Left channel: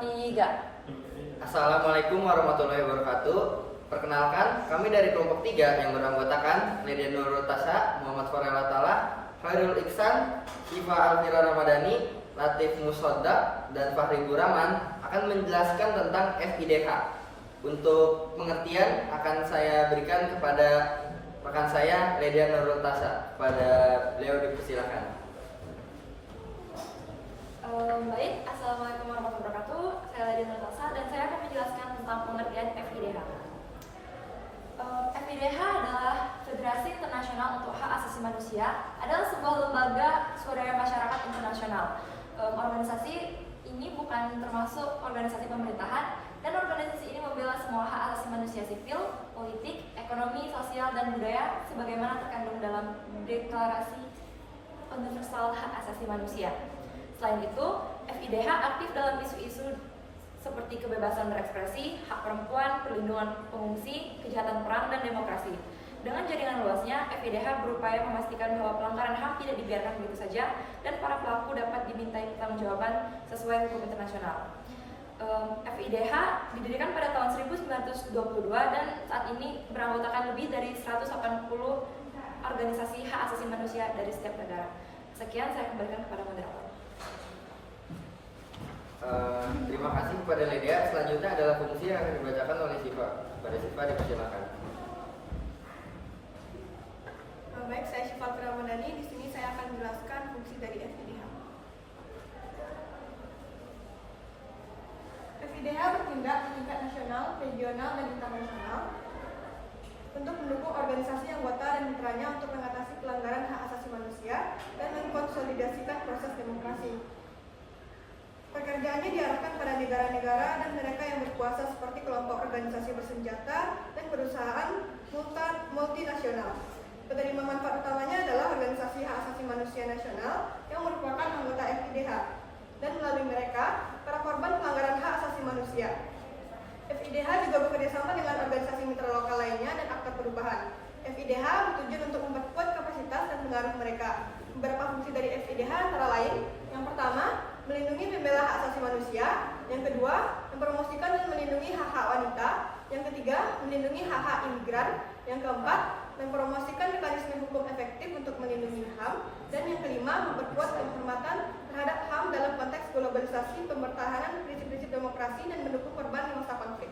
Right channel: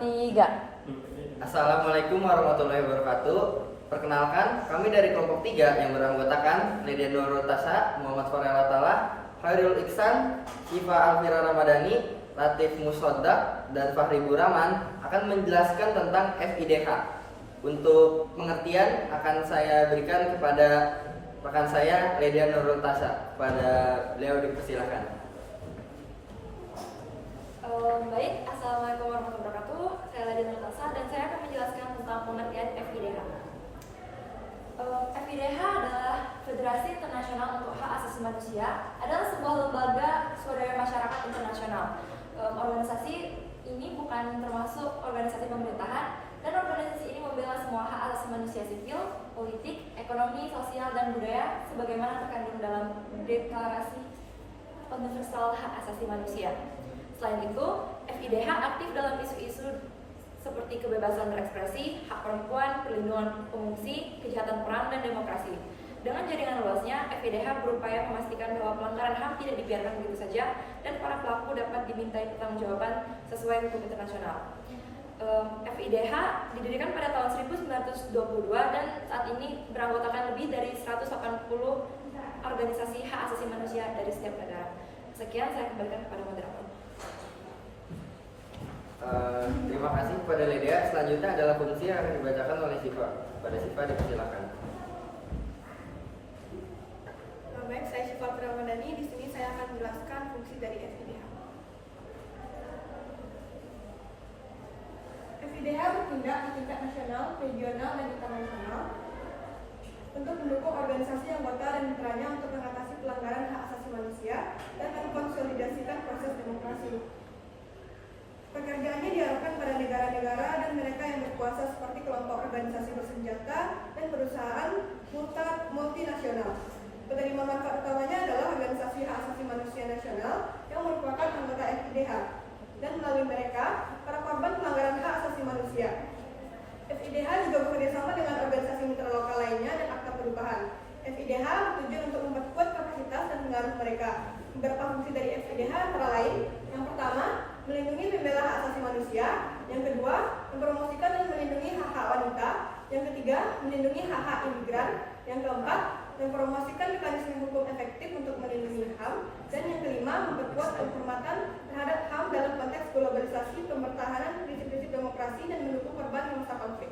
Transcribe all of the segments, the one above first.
3. Assalamualaikum warahmatullahi wabarakatuh. Perkenalkan, kami dari kelompok 3 yang beranggotakan Lydia Nurul Tasa, Muhammad Farel Atala, Khairul Iksan, Syifa Alfira Ramadhani, Latif Musoddaq, dan Fahri Buraman akan menjelaskan tentang FIDH. Untuk pengertian akan saya berikan kepada rekan saya Lydia Nurul Tasa. Pada beliau dipersilakan. Baik, Assalamualaikum warahmatullahi wabarakatuh. Saya Lydia Nurul Tasa dan saya akan menjelaskan tentang pengertian FIDH. FIDH adalah Federasi Internasional untuk Hak Asasi Manusia, adalah sebuah lembaga swadaya masyarakat internasional. Organisasi ini bukan termasuk organisasi pemerintahan, dan organisasi ini membela semua hak asasi manusia sipil, politik, ekonomi, sosial, dan budaya sebagaimana terkandung dalam Deklarasi Universal Hak Asasi Manusia. Selain itu, FIDH aktif dalam isu-isu seperti kebebasan berekspresi, hak perempuan, perlindungan pengungsi, kejahatan perang, dan demokrasi. Dengan jaringan luasnya, FIDH berupaya memastikan bahwa pelanggaran HAM tidak dibiarkan begitu saja dan para pelaku dapat dimintai pertanggungjawaban sesuai hukum internasional. FIDH didirikan pada tahun 1922 dan saat ini beranggotakan lebih dari 180 organisasi hak asasi manusia dari setiap negara. Sekian, saya kembalikan kepada moderator. Terima kasih kepada Lydia. Selanjutnya adalah fungsi yang akan dibacakan oleh Syifa. Pada Syifa dipersilakan. Baik, saya Syifa Alfira Ramadhani. Di sini saya akan menjelaskan fungsi dari FIDH. FIDH bertindak di tingkat nasional, regional, dan internasional untuk mendukung organisasi anggota dan mitranya untuk mengatasi pelanggaran hak asasi manusia dan mengkonsolidasikan proses demokrasi. Pekerjaannya diarahkan pada negara-negara dan mereka yang berkuasa seperti kelompok organisasi bersenjata dan perusahaan multinasional. Penerima manfaat utamanya adalah organisasi hak asasi manusia nasional yang merupakan anggota FIDH, dan melalui mereka, para korban pelanggaran hak asasi manusia. FIDH juga bekerjasama dengan organisasi mitra lokal lainnya dan akta perubahan. FIDH bertujuan untuk memperkuat kapasitas dan pengaruh mereka. Beberapa fungsi dari FIDH antara lain: yang pertama, melindungi pembela hak asasi manusia; yang kedua, mempromosikan dan melindungi hak-hak wanita; yang ketiga, melindungi hak-hak imigran; yang keempat, mempromosikan mekanisme hukum efektif untuk melindungi HAM; dan yang kelima, memperkuat penghormatan terhadap HAM dalam konteks globalisasi, pempertahanan prinsip-prinsip demokrasi, dan mendukung korban di masa konflik.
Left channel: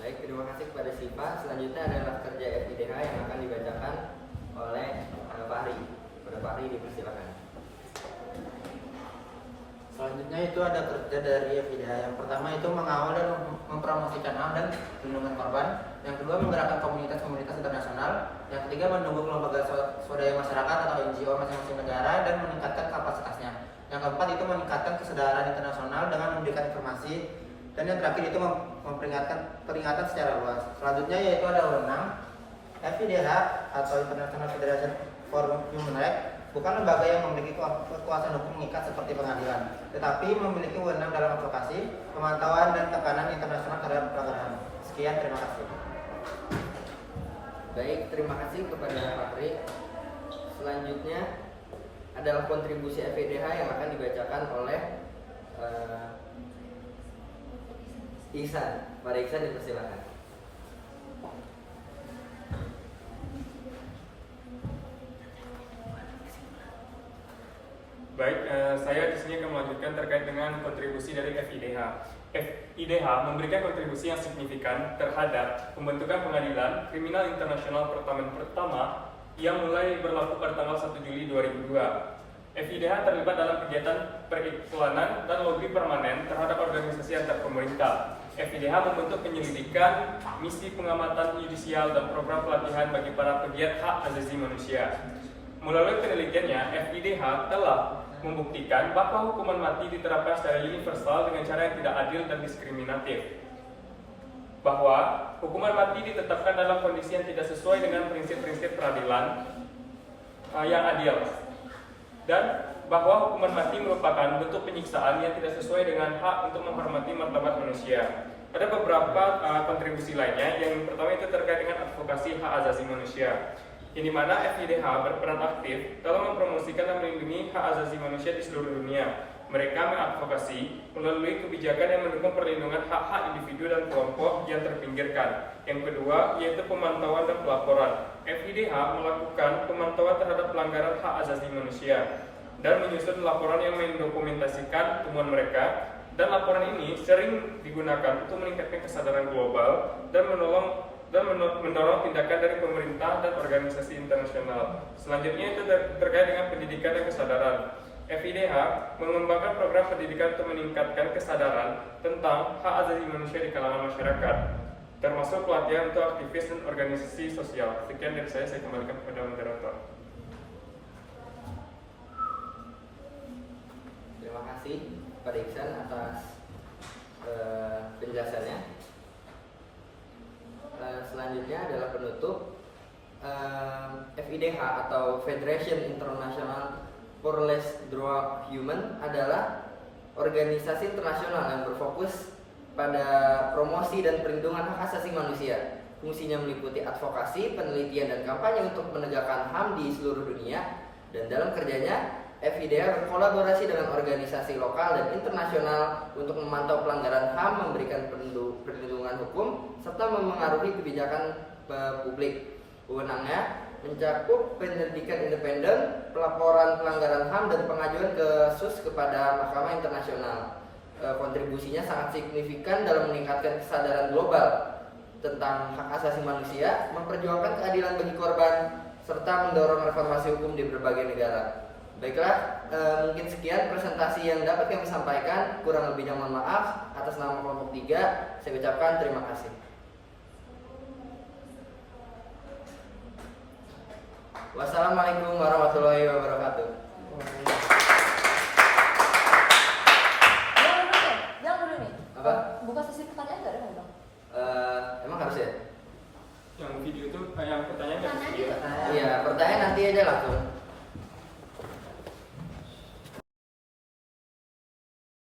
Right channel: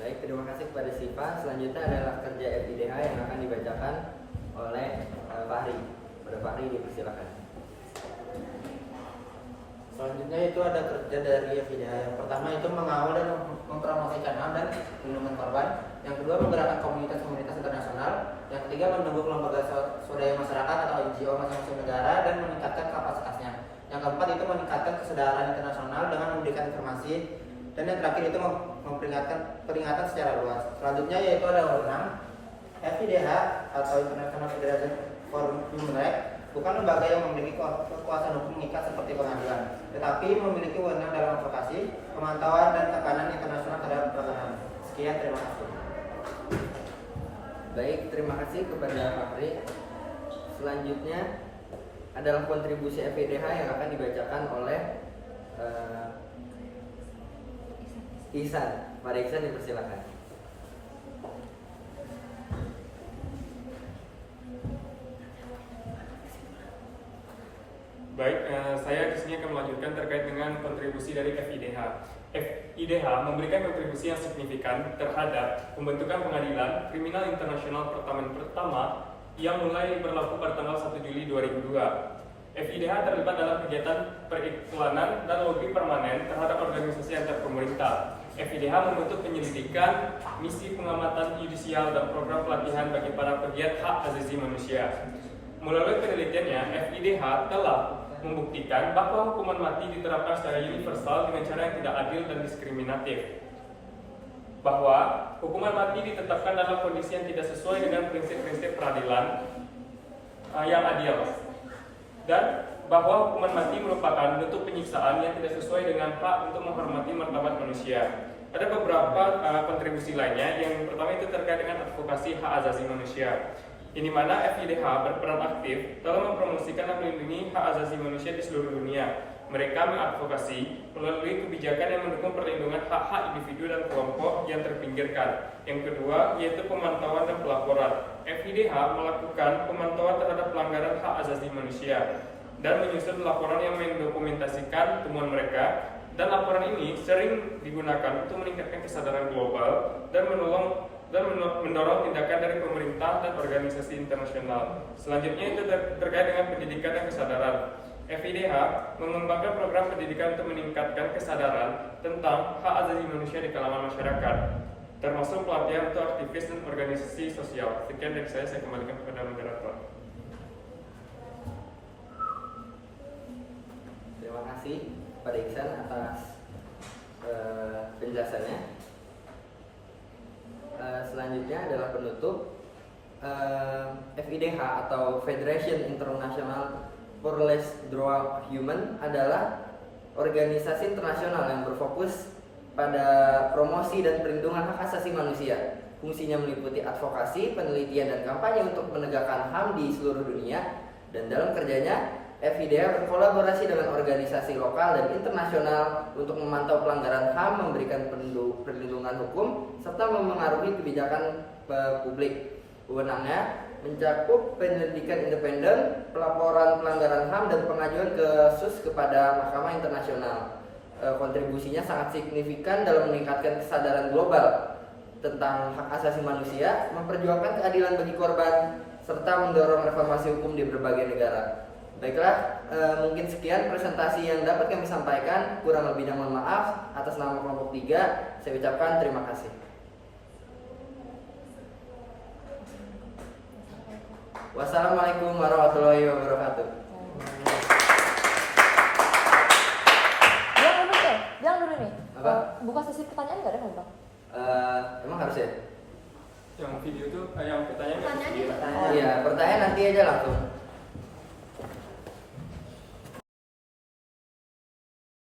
Baik, terima kasih kepada Syifa. Selanjutnya adalah kerja FIDH yang akan dibacakan oleh Fahri. Pada Fahri dipersilakan. Selanjutnya itu ada kerja dari FIDH. Yang pertama itu mengawal dan mempromosikan HAM dan perlindungan korban. Yang kedua, menggerakkan komunitas-komunitas internasional. Yang ketiga, mendukung lembaga swadaya masyarakat atau NGO masing-masing negara dan meningkatkan kapasitasnya. Yang keempat itu meningkatkan kesadaran internasional dengan memberikan informasi. Dan yang terakhir itu peringatan secara luas. Selanjutnya yaitu ada wewenang. FIDH atau International Federation for Human Rights bukan lembaga yang memiliki kekuasaan hukum mengikat seperti pengadilan, tetapi memiliki wewenang dalam advokasi, pemantauan, dan tekanan internasional terhadap pelanggaran. Sekian, terima kasih. Baik, terima kasih kepada Fahri. Selanjutnya adalah kontribusi FIDH yang akan dibacakan oleh Ihsan. Mari Ihsan dipersilakan. Baik, saya di sini akan melanjutkan terkait dengan kontribusi dari FIDH. FIDH memberikan kontribusi yang signifikan terhadap pembentukan pengadilan kriminal internasional pertama yang mulai berlaku pada tanggal 1 Juli 2002. FIDH terlibat dalam kegiatan periklanan dan lobi permanen terhadap organisasi antar pemerintah. FIDH membentuk penyelidikan, misi pengamatan yudisial, dan program pelatihan bagi para pegiat hak asasi manusia. Melalui penelitiannya, FIDH telah membuktikan bahwa hukuman mati diterapkan secara universal dengan cara yang tidak adil dan diskriminatif. Bahwa hukuman mati ditetapkan dalam kondisi yang tidak sesuai dengan prinsip-prinsip peradilan yang adil. Dan bahwa hukuman mati merupakan bentuk penyiksaan yang tidak sesuai dengan hak untuk menghormati martabat manusia. Ada beberapa kontribusi lainnya. Yang pertama itu terkait dengan advokasi hak asasi manusia. Ini mana FIDH berperan aktif dalam mempromosikan dan melindungi hak asasi manusia di seluruh dunia. Mereka mengadvokasi melalui kebijakan yang mendukung perlindungan hak-hak individu dan kelompok yang terpinggirkan. Yang kedua, yaitu pemantauan dan pelaporan. FIDH melakukan pemantauan terhadap pelanggaran hak asasi manusia dan menyusun laporan yang mendokumentasikan temuan mereka. Dan laporan ini sering digunakan untuk meningkatkan kesadaran global dan mendorong tindakan dari pemerintah dan organisasi internasional. Selanjutnya itu terkait dengan pendidikan dan kesadaran. FIDH mengembangkan program pendidikan untuk meningkatkan kesadaran tentang hak asasi manusia di kalangan masyarakat, termasuk pelatihan untuk aktivis dan organisasi sosial. Sekian dari saya kembalikan kepada moderator. Terima kasih Pak Iksan atas penjelasannya. Selanjutnya adalah penutup. FIDH atau Federation International pour les Droits Humains adalah organisasi internasional yang berfokus pada promosi dan perlindungan hak asasi manusia. Fungsinya meliputi advokasi, penelitian, dan kampanye untuk menegakkan HAM di seluruh dunia. Dan dalam kerjanya, FIDH berkolaborasi dengan organisasi lokal dan internasional untuk memantau pelanggaran HAM, memberikan perlindungan hukum, serta memengaruhi kebijakan publik. Wewenangnya mencakup penyelidikan independen, pelaporan pelanggaran HAM, dan pengajuan kasus kepada Mahkamah Internasional. Kontribusinya sangat signifikan dalam meningkatkan kesadaran global tentang hak asasi manusia, memperjuangkan keadilan bagi korban, serta mendorong reformasi hukum di berbagai negara. Baiklah, mungkin sekian presentasi yang dapat kami sampaikan. Kurang lebihnya mohon maaf. Atas nama kelompok 3, saya ucapkan terima kasih. Wassalamualaikum warahmatullahi wabarakatuh. Jangan dulu nih. Apa? Buka sesi pertanyaan nggak ada nggak, Bang? Emang harus ya? Yang video itu yang pertanyaan dari video. Iya, pertanyaan nanti aja langsung.